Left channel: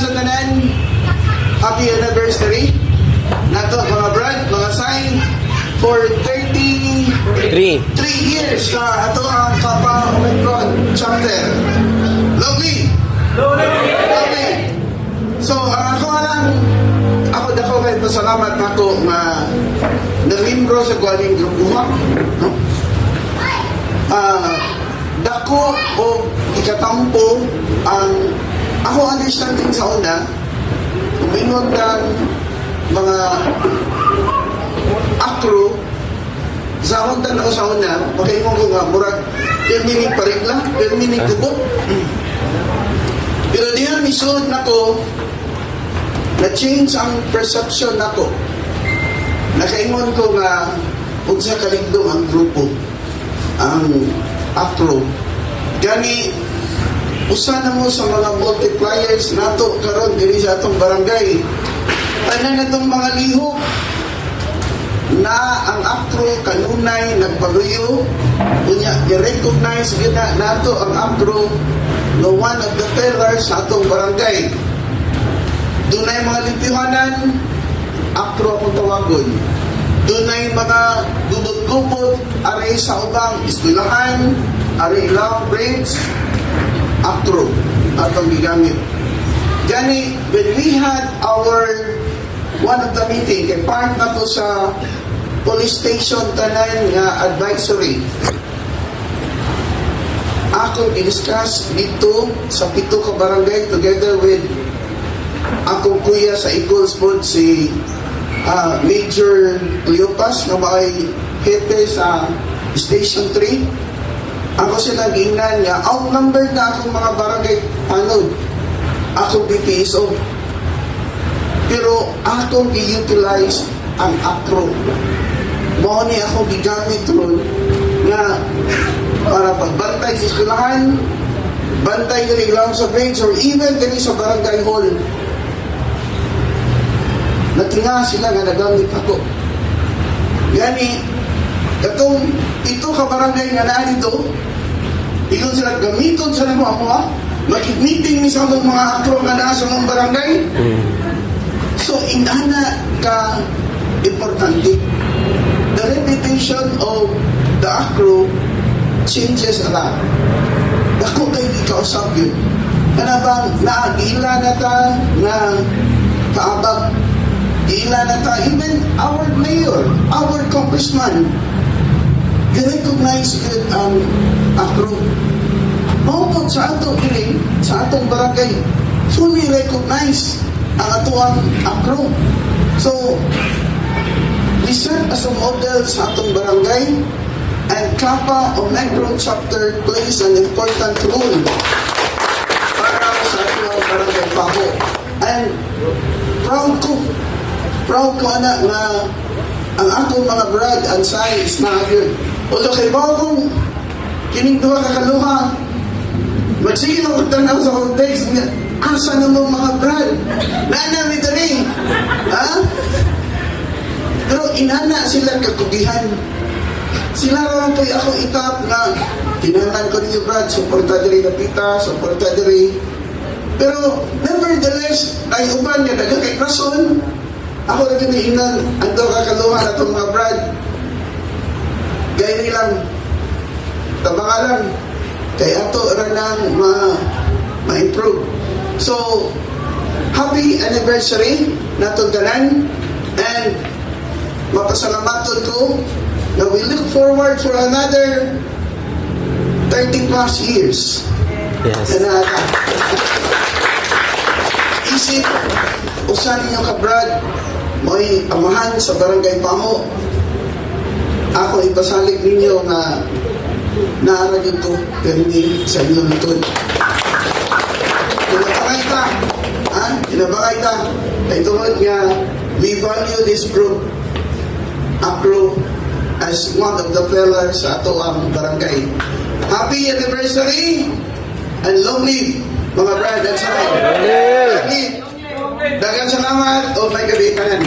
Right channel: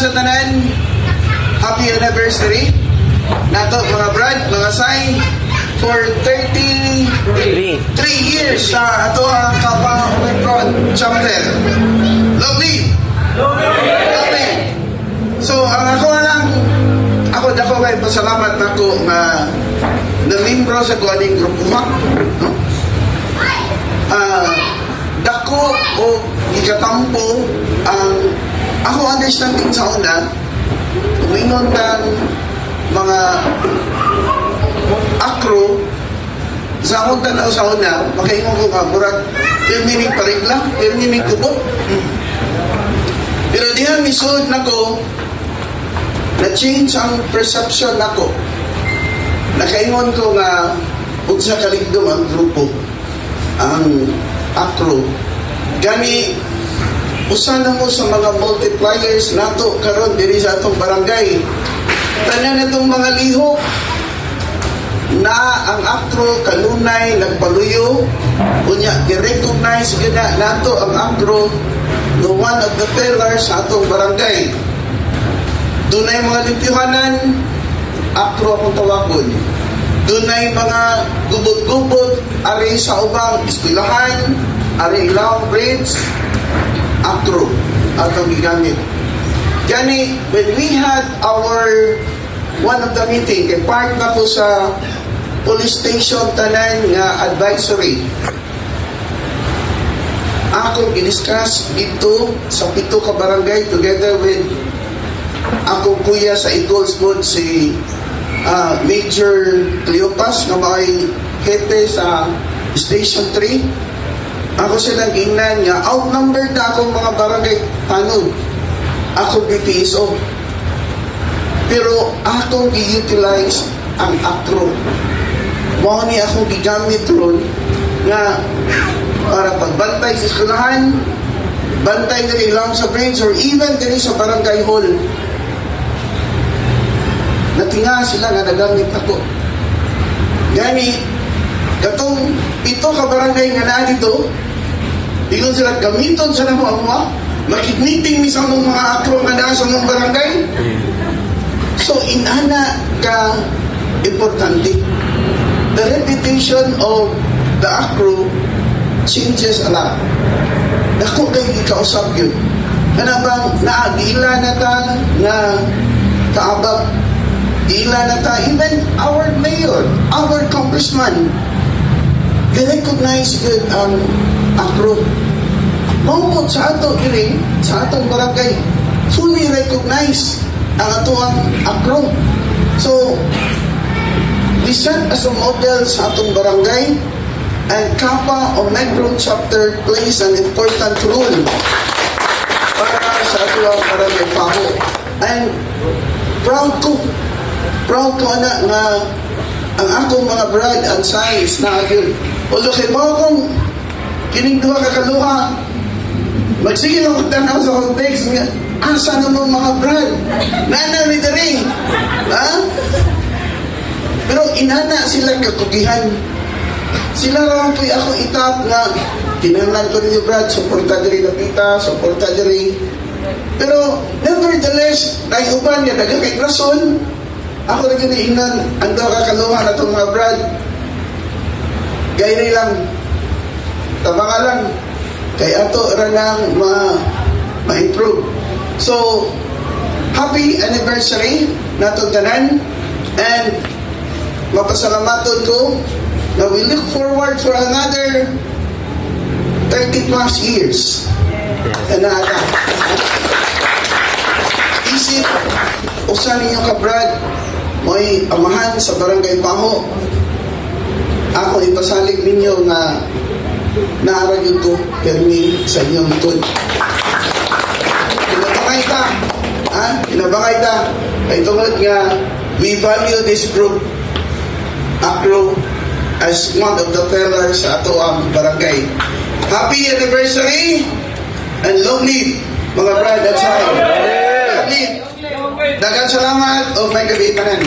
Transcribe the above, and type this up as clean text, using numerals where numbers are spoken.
sa tanan. Happy anniversary. Nato mga brad, mga say, for 33 years sa ato ang Kappa Omicron chapter. Lovely. So, ako dako kay pasalamat nako nga nalimbro sa kuaning grupo ha. No? Dako o ikatampo ang ako understanding sa una uminon ng mga akro sa akong tanaw sa una makaingon ko nga murag 10 minute parigla 10 minute tubo pero dihan misud nako na-change ang perception nako nakaingon ko nga unsa kaligdom ang grupo ang akro gani usa na mo sa mga multipliers nato karon diri sa atong barangay tanan natong mga lihok na ang akro kanunay nagpaluyo unya i-recognize gyud na nato ang akro the one of the pillars sa atong barangay dunay mga limpyuhanan akro akong tawagon dunay mga gubot-gubot ari sa ubang eskwelahan ari ilaw grades akro atong gigamit gani when we had our one of the meeting kay part na to sa police station tanan nga advisory ako i-discuss dito sa 7 ka barangay together with ako kuya sa Eagles Food si Major Cleopas na may hepe sa Station 3 ako sila gingnan nga outnumbered na akong mga barangay tanod ako BPSO pero akong i-utilize ang akro mao ni akong gigamit ron nga para pagbantay sa eskwelahan bantay diri lang sa grades or even diri sa barangay hall natinga sila nga nagamit ako yani katong 7 ka barangay nga naa dito ingon sila gamiton sa namo ako makikmeeting ni sa mga akro nga naa sa mga barangay so inana ka importante the reputation of the akro changes a lot ako kayo ikausap yun ano bang naagila na ta nga kaabag ila na ta even our mayor our congressman i-recognize good ang akro maupot sa ato ili sa atong barangay fully recognize ang ato ang akro so we serve as a model sa atong barangay and Kappa Omicron chapter plays an important role para sa ato ang barangay Paho and proud ko na nga ang akong mga brad and size na yun although kay bawa kong kining duha kakaluha magsige lang magtanaw sa context nga asa na mong mga brad nanawi the ring ha? Pero inana sila katugihan sila lang po'y ako itap nga kinahanglan ko ninyo brad suporta diri na pita suporta diri pero nevertheless ay uban niya nagkakay rason ako lagi na ingan ang kakaluha na itong mga brad gaya lang tabangalan kay ato ranang ma-improve so happy anniversary na itong tanan and mapasalamaton ko na we look forward for another 30 plus years na isip usan ninyo ka brad may amahan sa barangay Paho ako ipasalig ninyo na naaragin ko permi sa inyong lutod kinabangay ta kay tungod nga we value this group akro as one of the pillars sa ato ang barangay happy anniversary and long live mga brad at sakay dagang salamat o may gabi tanan